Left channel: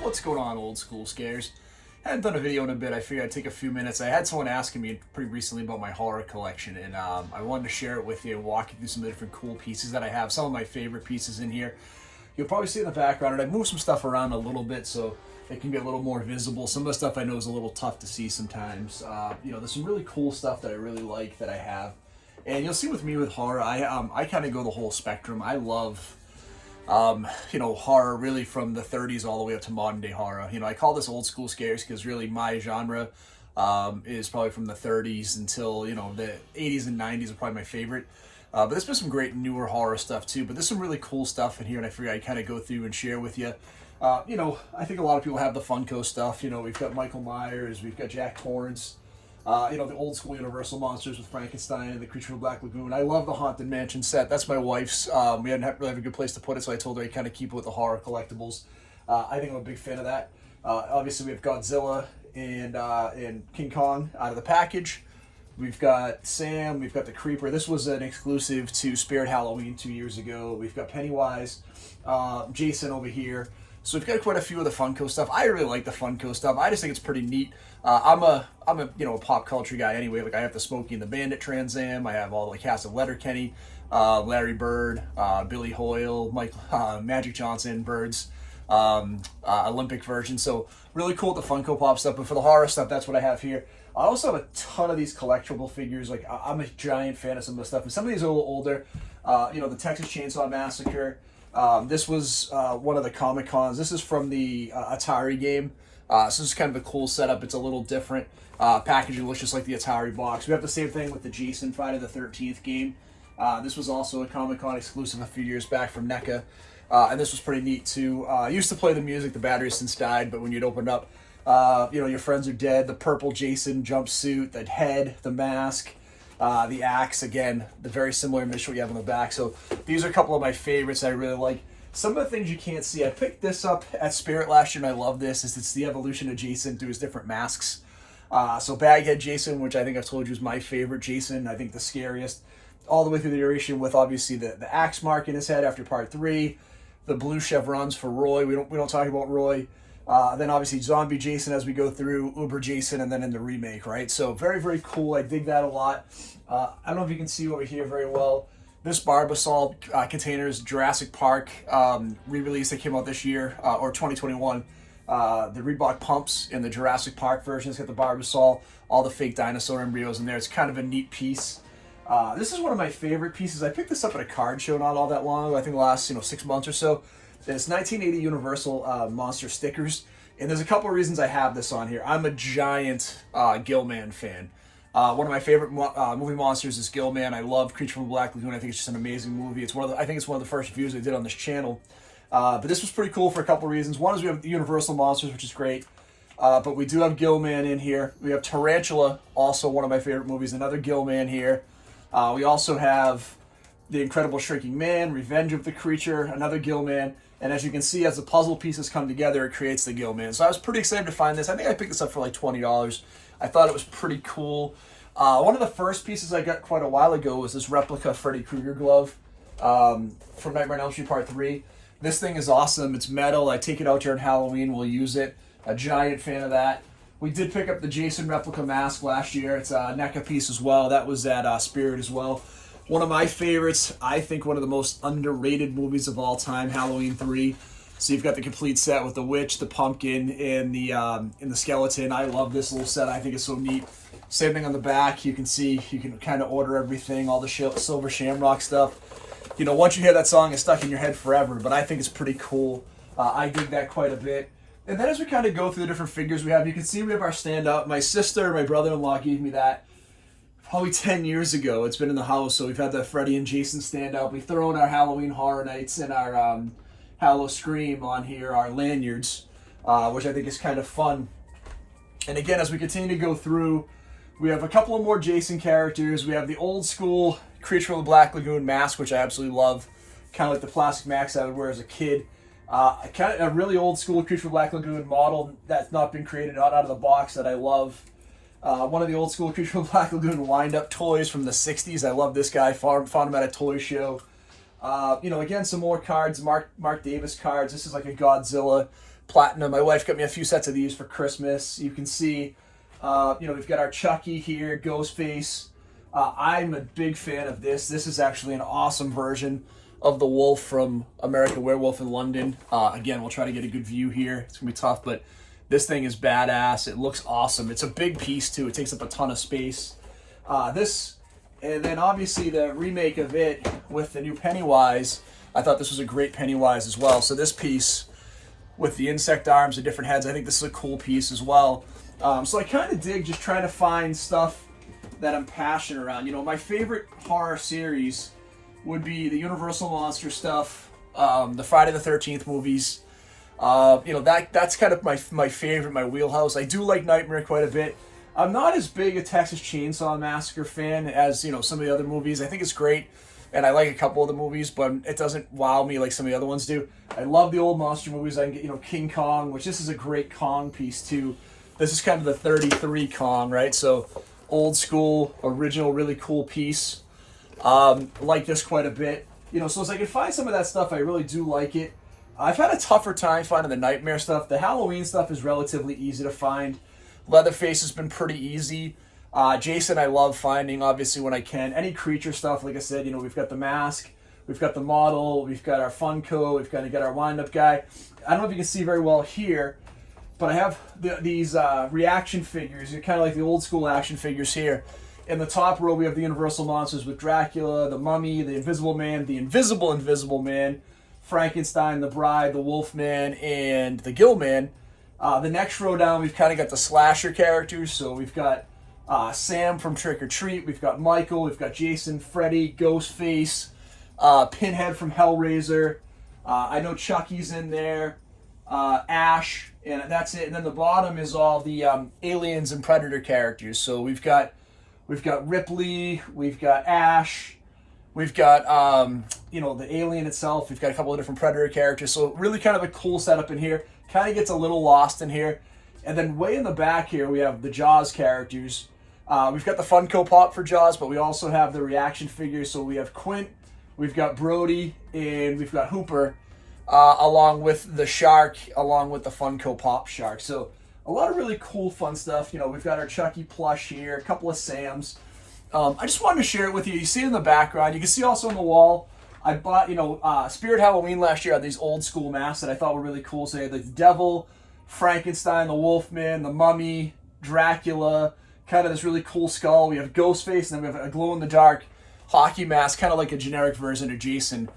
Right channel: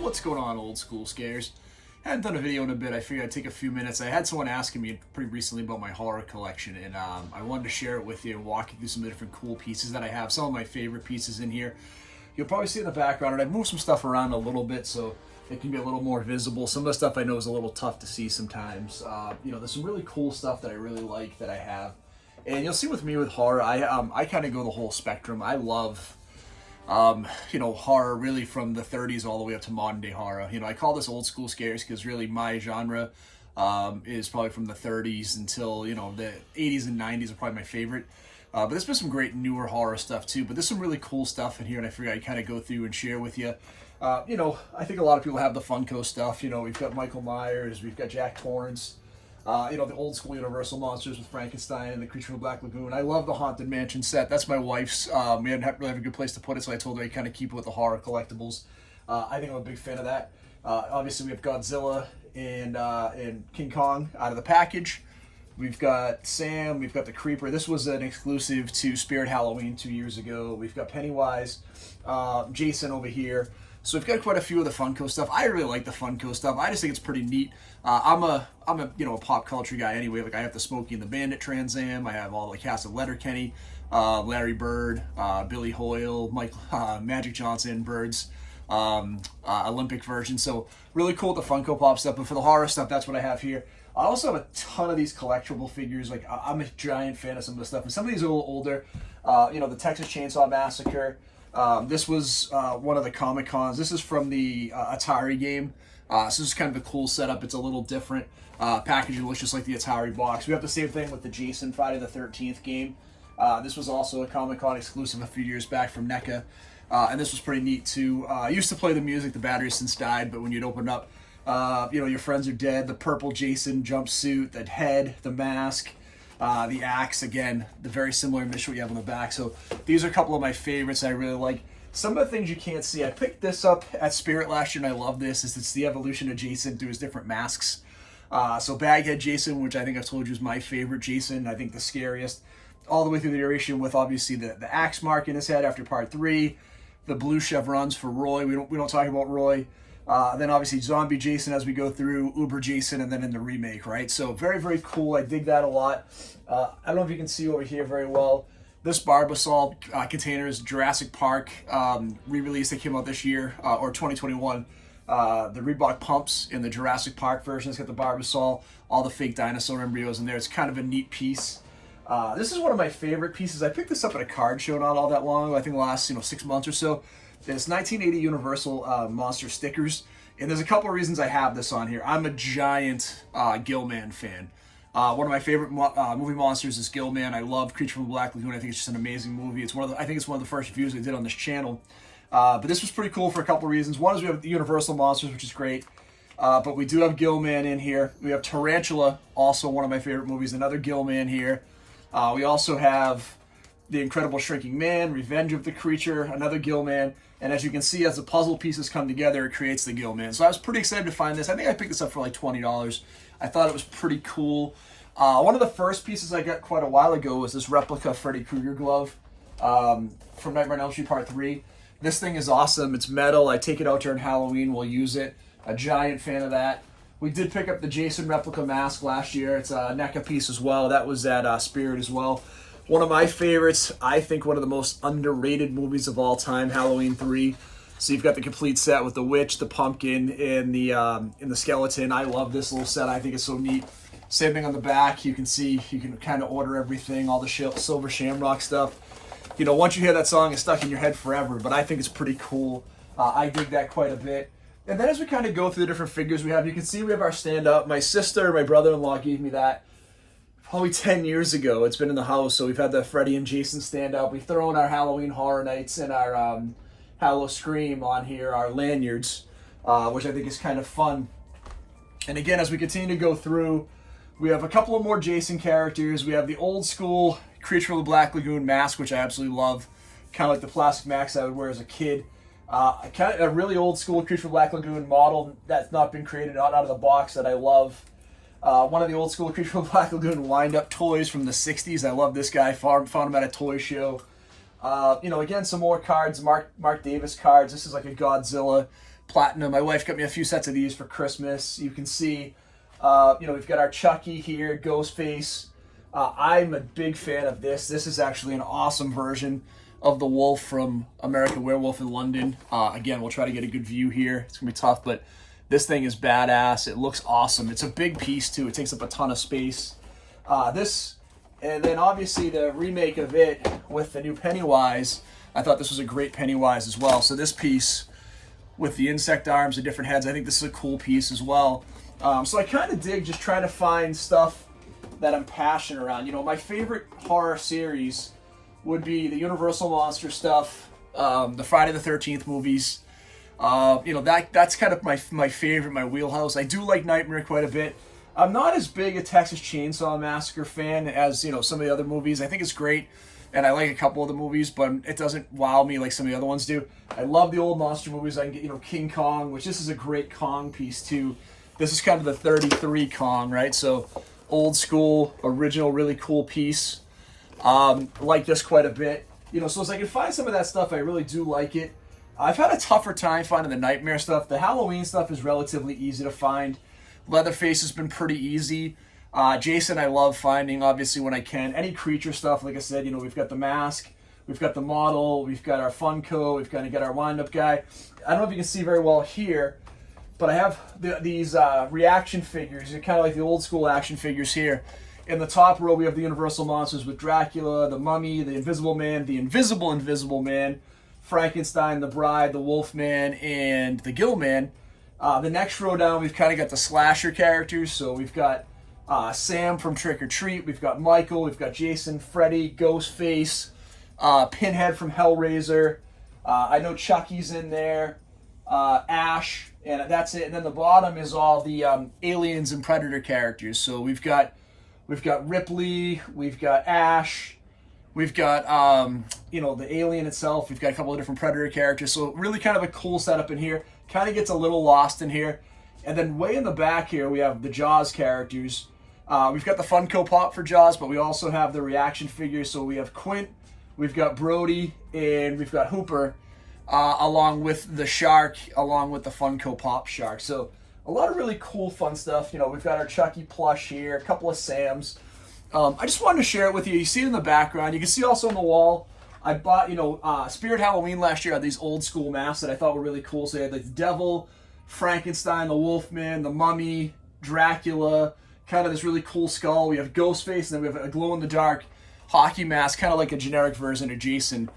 What's going on, old school scares? Hadn't done a video in a bit. I figured I'd take a few minutes. I had someone asking me pretty recently about my horror collection, and I wanted to share it with you and walk you through some of the different cool pieces that I have. Some of my favorite pieces in here. You'll probably see in the background, and I've moved some stuff around a little bit so it can be a little more visible. Some of the stuff I know is a little tough to see sometimes. There's some really cool stuff that I really like that I have. And you'll see with me with horror, I kind of go the whole spectrum. I love horror really from the 30s all the way up to modern day horror. I call this old school scares because really my genre is probably from the 30s until, the 80s and 90s are probably my favorite. But there's been some great newer horror stuff too, but there's some really cool stuff in here, and I figured I'd kind of go through and share with you. I think a lot of people have the Funko stuff. We've got Michael Myers, we've got Jack Torrance, the old school Universal monsters with Frankenstein and the Creature from the Black Lagoon. I love the Haunted Mansion set. That's my wife's. We didn't really have a good place to put it, so I told her I'd kind of keep it with the horror collectibles. I think I'm a big fan of that. Obviously, we have Godzilla and King Kong out of the package. We've got Sam, we've got the Creeper. This was an exclusive to Spirit Halloween 2 years ago. We've got Pennywise, Jason over here. So we've got quite a few of the Funko stuff. I really like the Funko stuff. I just think it's pretty neat. I'm a pop culture guy anyway. Like I have the Smokey and the Bandit Trans Am. I have all the cast of Letterkenny, Larry Bird, Billy Hoyle, Magic Johnson, Birds, Olympic version. So really cool with the Funko Pop stuff. But for the horror stuff, that's what I have here. I also have a ton of these collectible figures. Like I'm a giant fan of some of the stuff. And some of these are a little older. The Texas Chainsaw Massacre. This was one of the Comic Cons. This is from the Atari game. So this is kind of a cool setup. It's a little different. Packaging looks just like the Atari box. We have the same thing with the Jason Friday the 13th game. This was also a Comic Con exclusive a few years back from NECA. And this was pretty neat too. I used to play the music. The battery's since died, but when you'd open up, your friends are dead. The purple Jason jumpsuit, the head, the mask. The axe, again, the very similar image what you have on the back. So these are a couple of my favorites I really like. Some of the things you can't see, I picked this up at Spirit last year, and I love this. It's the evolution of Jason through his different masks. So Baghead Jason, which I think I've told you is my favorite Jason, I think the scariest, all the way through the duration with obviously the axe mark in his head after part 3, the blue chevrons for Roy. We don't talk about Roy. Then obviously Zombie Jason as we go through, Uber Jason, and then in the remake, right? So very, very cool. I dig that a lot. I don't know if you can see over here very well. This Barbasol container is Jurassic Park re-release that came out this year, or 2021. The Reebok pumps in the Jurassic Park version. It's got the Barbasol, all the fake dinosaur embryos in there. It's kind of a neat piece. This is one of my favorite pieces. I picked this up at a card show not all that long ago, I think the last 6 months or so. It's 1980 Universal Monster stickers, and there's a couple of reasons I have this on here. I'm a giant Gillman fan. One of my favorite movie monsters is Gillman. I love Creature from the Black Lagoon. I think it's just an amazing movie. I think it's one of the first reviews I did on this channel. But this was pretty cool for a couple of reasons. One is we have the Universal monsters, which is great. But we do have Gillman in here. We have Tarantula, also one of my favorite movies. Another Gillman here. We also have The Incredible Shrinking Man, Revenge of the Creature, another Gillman. And as you can see, as the puzzle pieces come together, it creates the Gillman. So I was pretty excited to find this. I think I picked this up for like $20. I thought it was pretty cool. One of the first pieces I got quite a while ago was this replica Freddy Krueger glove from Nightmare on Elm Street Part 3. This thing is awesome. It's metal. I take it out during Halloween. We'll use it. A giant fan of that. We did pick up the Jason replica mask last year. It's a NECA piece as well. That was at Spirit as well. One of my favorites, I think one of the most underrated movies of all time, Halloween 3. So you've got the complete set with the witch, the pumpkin, and the skeleton. I love this little set. I think it's so neat. Same thing on the back. You can see, you can kind of order everything, all the Silver Shamrock stuff. Once you hear that song, it's stuck in your head forever, but I think it's pretty cool. I dig that quite a bit. And then as we kind of go through the different figures we have, you can see we have our stand-up. My sister, my brother-in-law gave me that probably 10 years ago. It's been in the house, so we've had the Freddy and Jason stand-up. We've thrown our Halloween Horror Nights and our Hallow Scream on here, our lanyards, which I think is kind of fun. And again, as we continue to go through, we have a couple of more Jason characters. We have the old school Creature from the Black Lagoon mask, which I absolutely love. Kind of like the plastic mask I would wear as a kid. Kind of a really old school Creature from the Black Lagoon model that's not been created out of the box that I love. One of the old school Creature from the Black Lagoon wind-up toys from the 60s. I love this guy. Found him at a toy show. Again, some more cards, Mark Davis cards. This is like a Godzilla platinum. My wife got me a few sets of these for Christmas. You can see, we've got our Chucky here, Ghostface. I'm a big fan of this. This is actually an awesome version of the wolf from American Werewolf in London. Again, we'll try to get a good view here. It's gonna be tough, but this thing is badass. It looks awesome. It's a big piece too. It takes up a ton of space. And then obviously the remake of it with the new Pennywise. I thought this was a great Pennywise as well. So this piece with the insect arms and different heads, I think this is a cool piece as well. So I kind of dig just trying to find stuff that I'm passionate around. You know, my favorite horror series would be the Universal Monster stuff, the Friday the 13th movies. That's kind of my favorite, my wheelhouse. I do like Nightmare quite a bit. I'm not as big a Texas Chainsaw Massacre fan as, some of the other movies. I think it's great, and I like a couple of the movies, but it doesn't wow me like some of the other ones do. I love the old monster movies. I can get, King Kong, which this is a great Kong piece too. This is kind of the 33 Kong, right? So old school, original, really cool piece. Like this quite a bit. So as I can find some of that stuff, I really do like it. I've had a tougher time finding the Nightmare stuff. The Halloween stuff is relatively easy to find. Leatherface has been pretty easy. Jason I love finding, obviously, when I can. Any creature stuff, like I said, we've got the mask, we've got the model, we've got our Funko, we've got our wind-up guy. I don't know if you can see very well here, but I have these reaction figures. They're kind of like the old school action figures here. In the top row, we have the Universal Monsters with Dracula, the Mummy, the Invisible Man, the Invisible Man, Frankenstein, the Bride, the Wolfman, and the Gill Man. The next row down, we've kind of got the slasher characters. So we've got Sam from Trick or Treat. We've got Michael. We've got Jason, Freddy, Ghostface, Pinhead from Hellraiser. I know Chucky's in there. Ash, and that's it. And then the bottom is all the Aliens and Predator characters. So we've got Ripley. We've got Ash. We've got the alien itself. We've got a couple of different Predator characters. So really kind of a cool setup in here. Kind of gets a little lost in here. And then way in the back here, we have the Jaws characters. We've got the Funko Pop for Jaws, but we also have the reaction figures. So we have Quint, we've got Brody, and we've got Hooper, along with the shark, along with the Funko Pop shark. So a lot of really cool, fun stuff. We've got our Chucky plush here, a couple of Sams. I just wanted to share it with you. You see it in the background. You can see also on the wall, I bought, Spirit Halloween last year had these old school masks that I thought were really cool. So they had the Devil, Frankenstein, the Wolfman, the Mummy, Dracula, kind of this really cool skull. We have Ghostface, and then we have a glow-in-the-dark hockey mask, kind of like a generic version of Jason.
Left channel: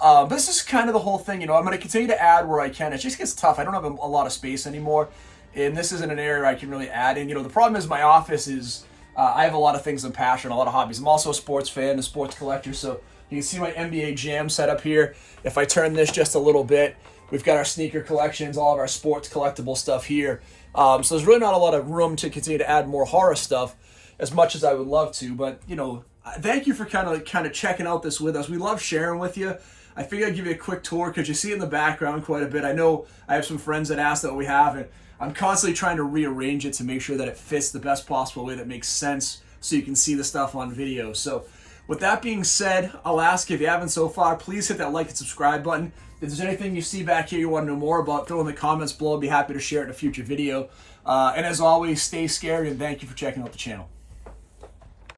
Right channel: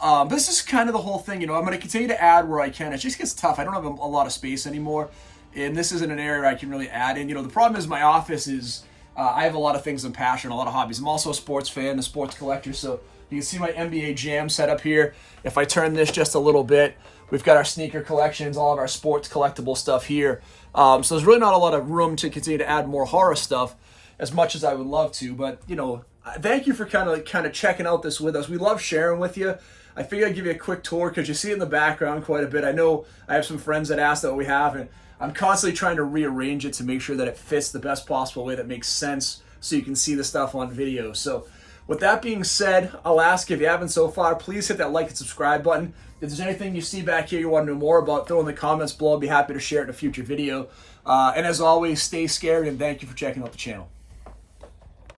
But this is kind of the whole thing. I'm going to continue to add where I can. It just gets tough. I don't have a lot of space anymore, and this isn't an area I can really add in. The problem is my office is, I have a lot of things I'm passionate, a lot of hobbies. I'm also a sports fan, a sports collector, so you can see my NBA Jam set up here. If I turn this just a little bit, we've got our sneaker collections, all of our sports collectible stuff here. So there's really not a lot of room to continue to add more horror stuff as much as I would love to. But, thank you for kind of checking out this with us. We love sharing with you. I figured I'd give you a quick tour because you see it in the background quite a bit. I know I have some friends that ask that we have, and I'm constantly trying to rearrange it to make sure that it fits the best possible way that makes sense so you can see the stuff on video. So with that being said, I'll ask, if you haven't so far, please hit that like and subscribe button. If there's anything you see back here you want to know more about, throw in the comments below. I'll be happy to share it in a future video. And as always, stay scary, and thank you for checking out the channel.